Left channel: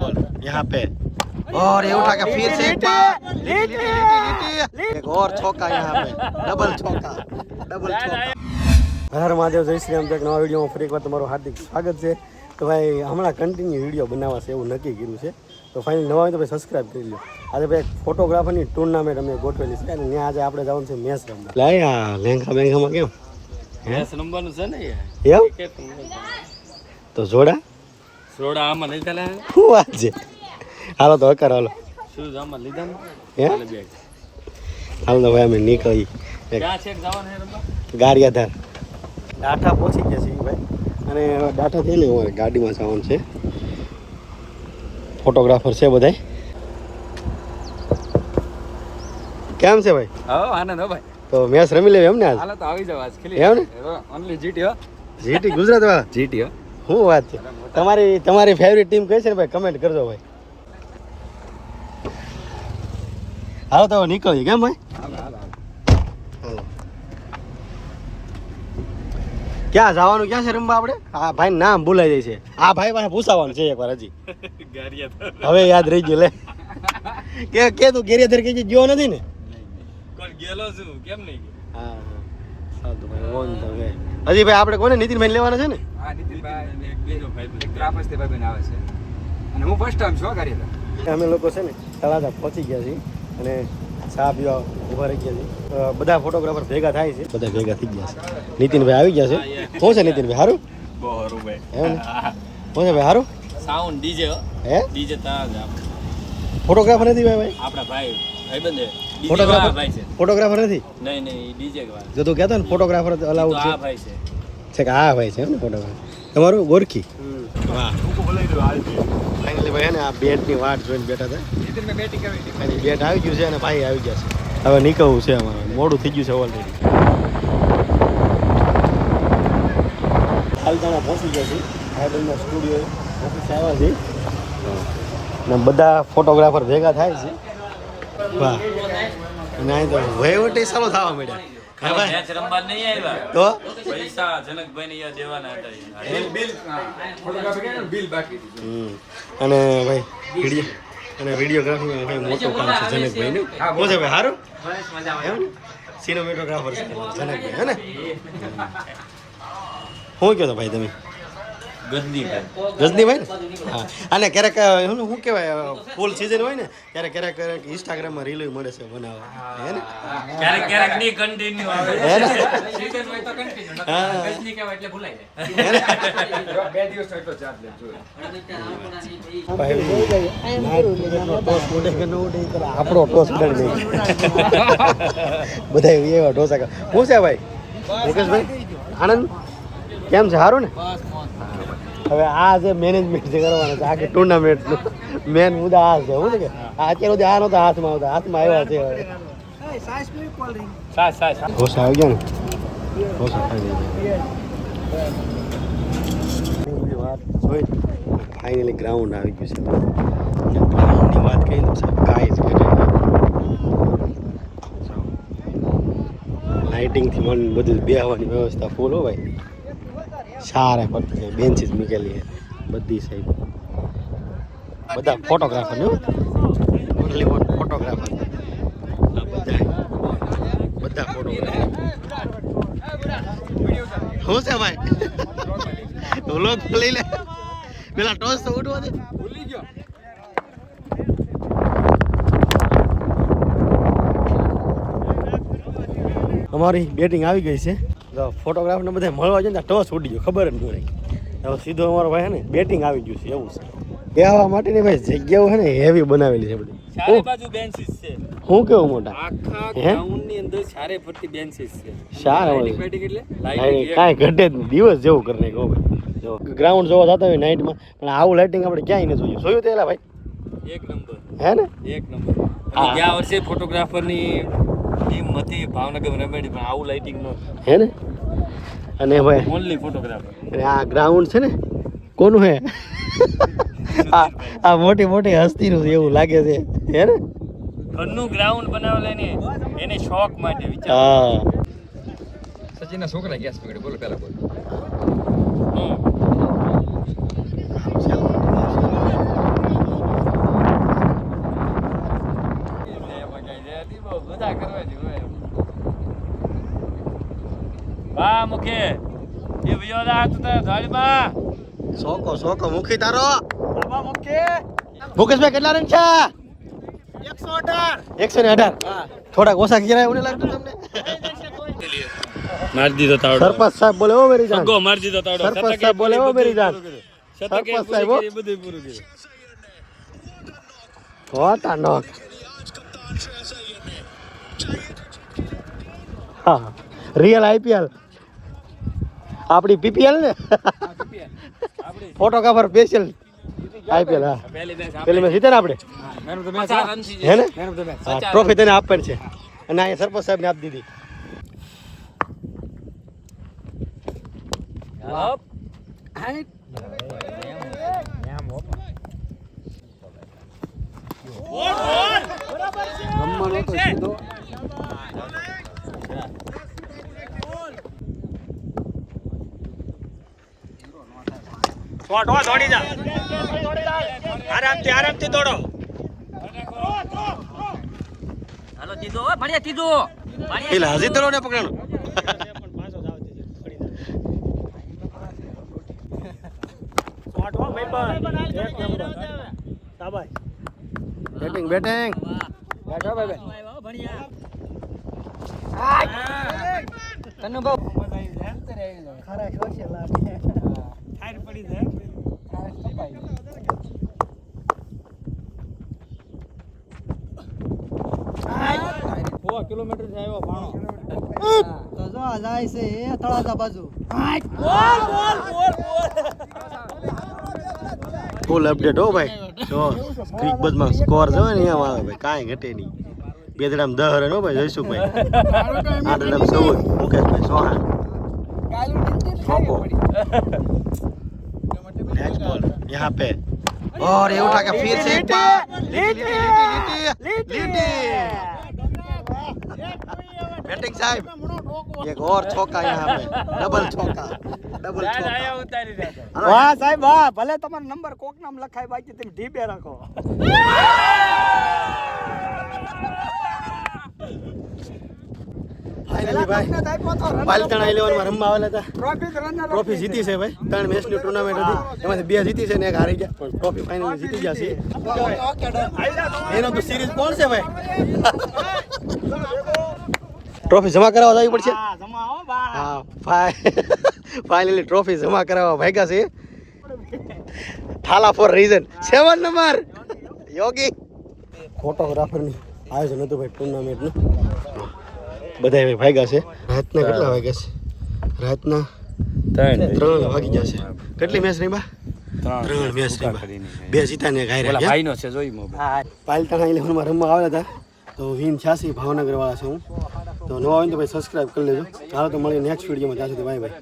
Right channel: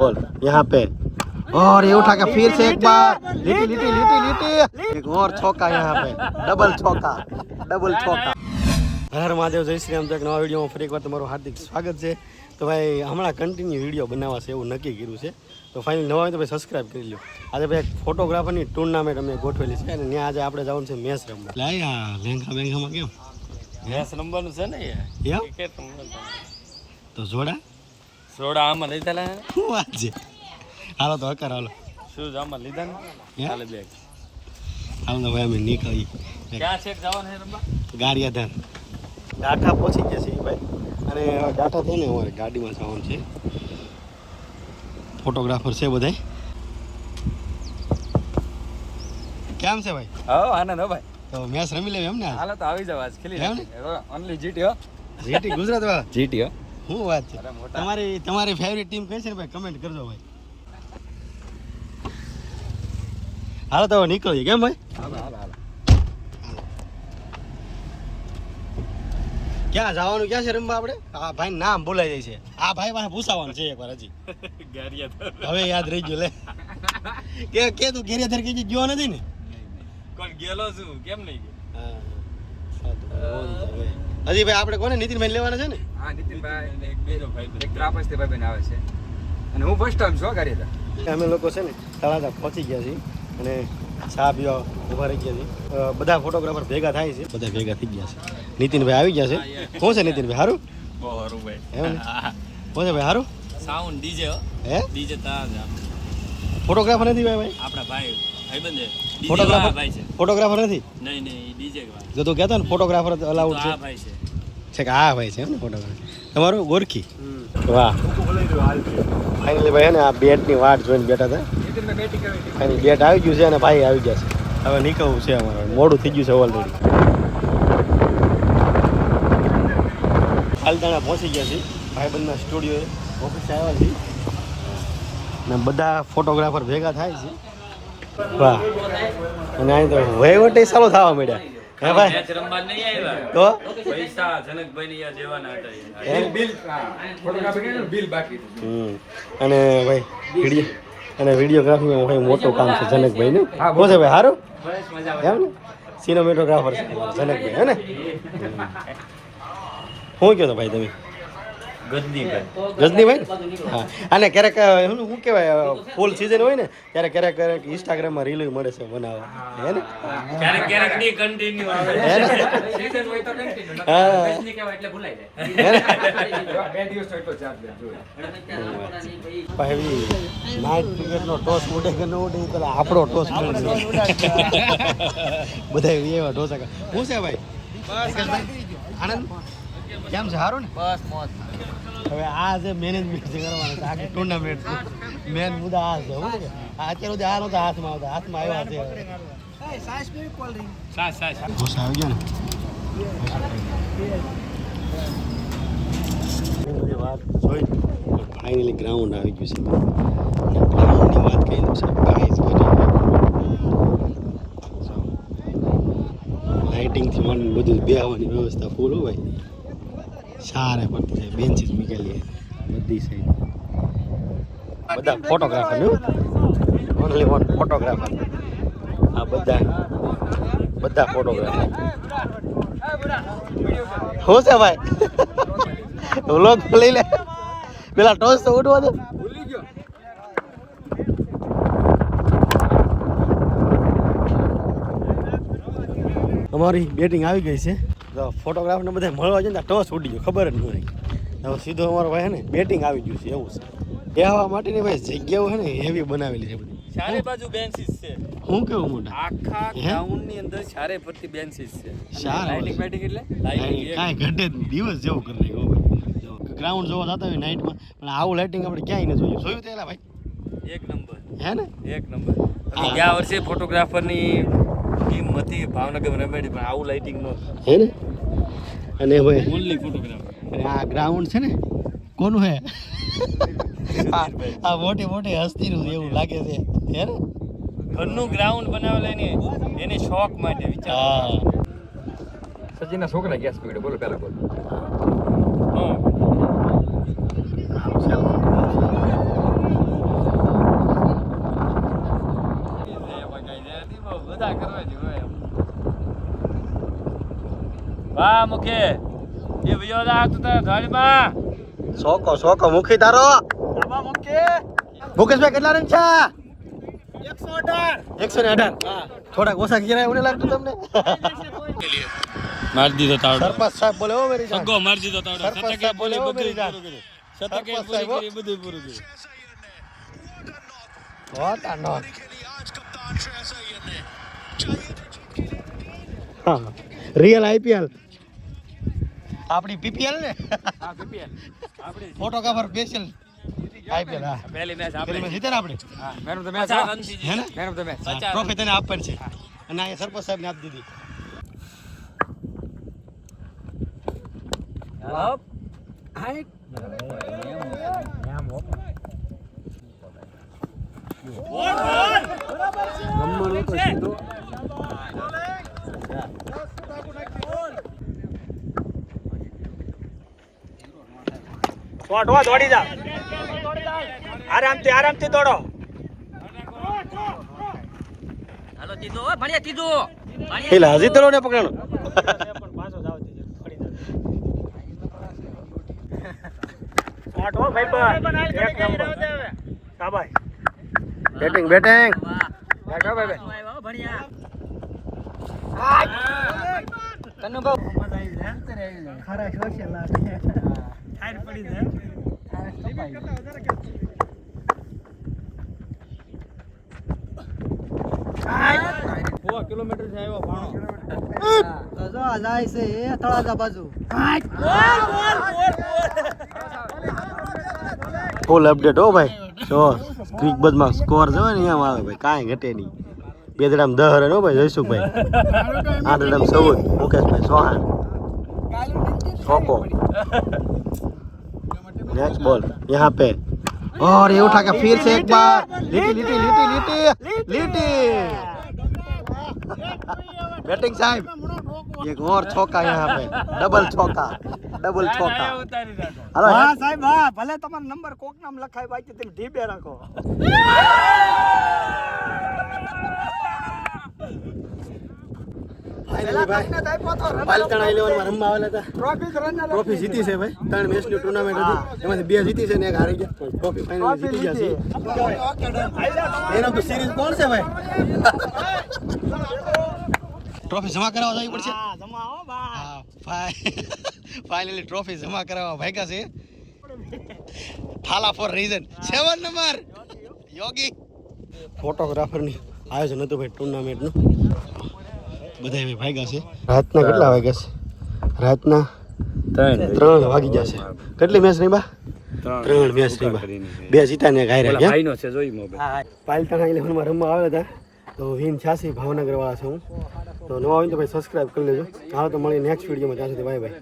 बोल यहाँ पे और ये उठा के फिर से एक बार लीटी लीटी लीटी लीटी एक और छक्का यहाँ पे डबल छक्का हर महादेव जय श्री राम। नवा विडियो में फरी एक बार તમારું હાર્દિક સ્વાગત છે। તો ભાઈ હમણાં કન્ટિન્યુ વિડીયો બનાવવા છે એવું નક્કી કર્યું છે। તો ફાઇનલી નવા હોય તો ભાઈ સબસ્ક્રાઇબ કરી લો। આજે ભાઈ ફોટોગ્રાફરની ટુર્નામેન્ટ અમે ગોઠવેલી છે અને ત્યાં આજે આપણે જવાનું છે મેચ રમવા। લે આ લેંઘા બેંઘામાં કેમ મેચ રમવાનું છે ને એમ તો જોડા આમાં લીધા ને શું વાત છે। હાલો તો હકાર હાલો શું આમાં લીધા હે હાલો તો ભાઈ અમે નીકળી ક્યાં છે જવાનું છે રમવા ગારિયાધાર ડાઠા પહોંચી ગયા છીએ ભાઈ અને ડાઠા થઈને અમારે ગાડીમાં જવાનું છે। ફોટોગ્રાફર છે બધાય કેમ છે ભાઈ? હા આનંદ હો ભાઈ। તો મેચ રમી લેવી એમ ને આજ? હાલો તો આવી જાવ આજ ખેલી એમ ને ઓન્લી જીટી હો જીટી ગુજરાત વાળા જીટી હો શું વાત છે। તમારી ફેવરિટ ટીમ કઈ છે ને ભાઈ કમેન્ટ કરજો ભાઈ। હાલો તો નીકળીએ કેમ ભાઈ? ક્યાં જવાનું ક્યાં છે રમવા આપણે? આ ભાઈ નામ ભૂલાઈ જાય છે। આ ભાઈ પાસે પૂછાવાનું છે એકવાર હજી હવે યાદ રહી ગયું લે કે તું ગેરિયાધર કે ગયો નથી ને કોણ ગેલો છું કેમ નહીં હજી ભાઈ આપણે કોને નીતિનભાઈ લેવાના છે ને? હા નીતિનભાઈ અને એક બેનો ભાઈ એક ત્રાપસથી ભાઈ આવે છે અને હું ફર્સ્ટ ટાઈમ છો ગારિયાધાર। અમે લોકો છે ને તળાજા પહોંચી ગયા છીએ અને ચા પીવા ઊભા રહી ગયા છે। બધા ફોટોગ્રાફર ભેગા થાય છે બધા ભેગા થઈ ગયા છે। નીતિનભાઈ આવી ગયા છે। શું છે નીતિનભાઈ સારું? બહુ સારું ભાઈ એમ ને શું છે ભાઈ સારું? સાઉન્ડ ડીજે હે ડીજે તાજ ફોટોગ્રાફર નથી ભાઈ? આપણા ભાઈ ભાઈબંધ છે ફોટોગ્રાફર ભાઈ છે ફોટોગ્રાફર નથી? નહીં ડીજે જો તું કહેતો ને ફોટોગ્રાફર અલાઉડ છે આ ભાઈ છે આ ભાઈ છે એમ ને ફોટોગ્રાફર તમારું ગોરખી વાહ ફાઇનલી ભાઈ ને આ બેટની વાટ જોઈને બેઠા હતા। ફાઇનલી બેટ આવી ગયું છે અને ભાઈ આવી ગયા છે। હવે નીકળવું છે અમારે મોડું થઈ ગયું છે ઓલરેડી। હાલતાણા પહોંચી ગયા છીએ ભાઈબંધના સ્ટુડિયો ઓફિસે આવ્યા છીએ ને બધા ફોટોગ્રાફર ભેગા થાય છે। વાહ અને અહીં તો વહીવટ ચાલુ થવા માંડ્યા હે ભાઈ? મેચ રમવા નહીં આવ્યા તો પૈસા જનકભાઈ ને દેવાના હતા બિલ બાકી અને ભાઈ વિડીયોગ્રાફીમાં ભાઈ મોટું કામ છે જનકભાઈનું। શું છે ભાઈ સારું એમ ને સિનેમેટોગ્રાફર છે જનકભાઈ હે ને? શું કહો તો ભાઈ તમે? ગજનીભાઈ ને હા અને ક્યારેક શું કહેવાય ફૂલ સિઝન હોય ને ત્યારે ક્યારેક ઇન્સ્ટાગ્રામમાં રીલ મળે છે બનાવવા હે ને? આપણો ટોસ ઉડાડી બધા એવા ઢોસા શું છે ભાઈ નિકેશભાઈ આનંદ કેમ છે સારું ને? હવે આ જે મેનેજમેન્ટ જે કરવાનું છે આખી ટુર્નામેન્ટનું મેન મુદ્દા આ છે શું છે કે અત્યાર સુધી આ નહોતા હાથમાં આવ્યા છે। ઢોસા આવી ગયા ને ઢોસા ફાઇનલી ગ્રાઉન્ડ આવી ગયું છે અને ગ્રાઉન્ડની વાત કરીએ તો લાઇટિંગથી માંડીને બધું બેહવાની વ્યવસ્થા ફૂલ હો ભાઈ। સારે પડતી છે બેન્ચીસ મૂકેલી છે બધી સાઈડ બધા ફોટોગ્રાફર ને ઓનલી વન ફોટોગ્રાફર આ બધા ફોટોગ્રાફર શું છે ભાઈ વ્લોગ લઈ લે પેલા ટોસ તો ઉઠવા દે ભૂલી ગયો। અમારી બેટિંગ આવી ગઈ છે ફોટોગ્રાફરને બધા મળવા છે ને ટોસ ઉડી ગયો ખબર જ ન રહી। હવે સીધો અમારો ભાઈ છે ને બેટિંગ આવી ગયું છે એવું છે એવા માટેની ભાઈ જગ્યાઓ છે ને હેવી બનાવેલી છે બધી ચારે બાજુ બેન્ચીસ છે। હું કેવું મોટા આખા ગ્રાઉન્ડની અંદર ચારે ફરતી બેન્ચીસ છે સારા બેટિંગ એટલે કાંઈ ઘટે જ નહીં દિવસ જેવું કરી નાખ્યું જો ગ્રાઉન્ડ જોવા જતા હોય નાઇટમાં પણ આવું લાઇટિંગ આપણે ક્યાંય ન જોયું તો એલા ભાઈ એક નંબર હે ને એક નંબર। ગયા વર્ષે ફોટોગ્રાફરની ટીમ હતી ભાવનગર રમેડી પણ આવું લાઇટિંગ નો હે ને? અને ભાઈ ઓનલી ફોટોગ્રાફર આ ગ્રાઉન્ડ છે ને કોનું હે? આ મોટી મોટી હસ્તીનું એવું લાગે છે હે ને? ઘરનું ગ્રાઉન્ડ બનાવેલ એને શોખ માટે વિચાર હા સચિનના છોકરા ગેસ પકડ્યો બોલો પેલા બોલો વાહ મુખે એ વિયો રાત તો ગાડીમાં સોકો મુખી તારો મુકેશભાઈ કેટલા રન છે 118 થોડાક ઓછા ગયા એવું લાગતું તમને માર દીધો તાવડો સરપંચ સાહેબ બોલે હો મેરી જાન સગો માર દીધો તાવડો સરપંચ સાહેબ બોલે હો મેરી જાન શતકે પૂરી કરી બધું પૂરું કર્યું કોટા નો હા રિયલ આઈપીએલ આપણી પીપીએલ ને ફોટોગ્રાફર સ્પેશિયલ આઈપીએલ હા પેલી મેચ જીતે ને આપણે હે ને હા ટ્રોફી તેને આપવાની છે અને અહીંયા સરપંચ સાહેબ ને આપી દીધી દોડી જા આરામથી દોડો હાલો દીધો ભણ્યા દીધો એટલે હજી તો ને પકડો બેટિંગ કિલોમીટર થી આવ્યો ભાણો જાય છે તળાજા બાજુ ફૂલ અપડેટ હો ભાઈ જો ક્રિક બદમાં સ્કોર જોવે ને અહીંયા આવે ભાઈ કાંઈ ઘટે નહીં બે દડામ 10 રન હો ભાઈ જયસુખભાઈ 8 દડામ 14 મુકેશભાઈ ચૌહાણ छोको नेक्स्ट बॉल यहाँ पे और ये उठा के फिर से एक बार लीटी बैटिंग साहब एक और छक्का यहाँ पे डबल छक्का हेलो वाह साहब वाह भले તમારો નંબર કોક નામ લખાય બાકી તમે ઢીબે રાખો फाइनली भाई પાલતાણા 11 માં રમવા આવેલા હતા ટ્રોફી જીતી છે ભાઈ 3 મેચ ની ટુર્નામેન્ટ હતી એમાંથી 2 જીતી છે ને એક હારી ગયા પણ ટ્રોફી ફાઇનલી જીતી ગયા છે એનો તો સિરીઝ કોણ છે ભાઈ ટ્રોફી જમા કરાવવા જવી પડશે હા જમાઓ બા હા ફાઇનલી ટ્રોફી જમા કરાવવા ભાગ્યા છે થાલા ફોર રીઝન 7 નંબર યોગી ફોટોગ્રાફર ની આયોજન હતું ભાઈ ટુર્નામેન્ટ નું બધા ભાગ્યા છે રાતના કેટલા વાગ્યા છે રાતના 3 વાગી ગયા છે કેટલી મેચ રહી બા 3 મેચ રહી બા 2 જીતા ને એક હાર્યા ગયા ભાઈનો છે જોઈ મોબાઈલ પાલતાણા 11 માં રમવા આવ્યા હતા તો વિન 86 ભાવનગર વાળા છે હું તો નવા હોય તો ભાઈ સબસ્ક્રાઇબ કરી લેજો હાલો તો મળીએ નેક્સ્ટ વિડીયોમાં ત્યાં સુધી બાય બાય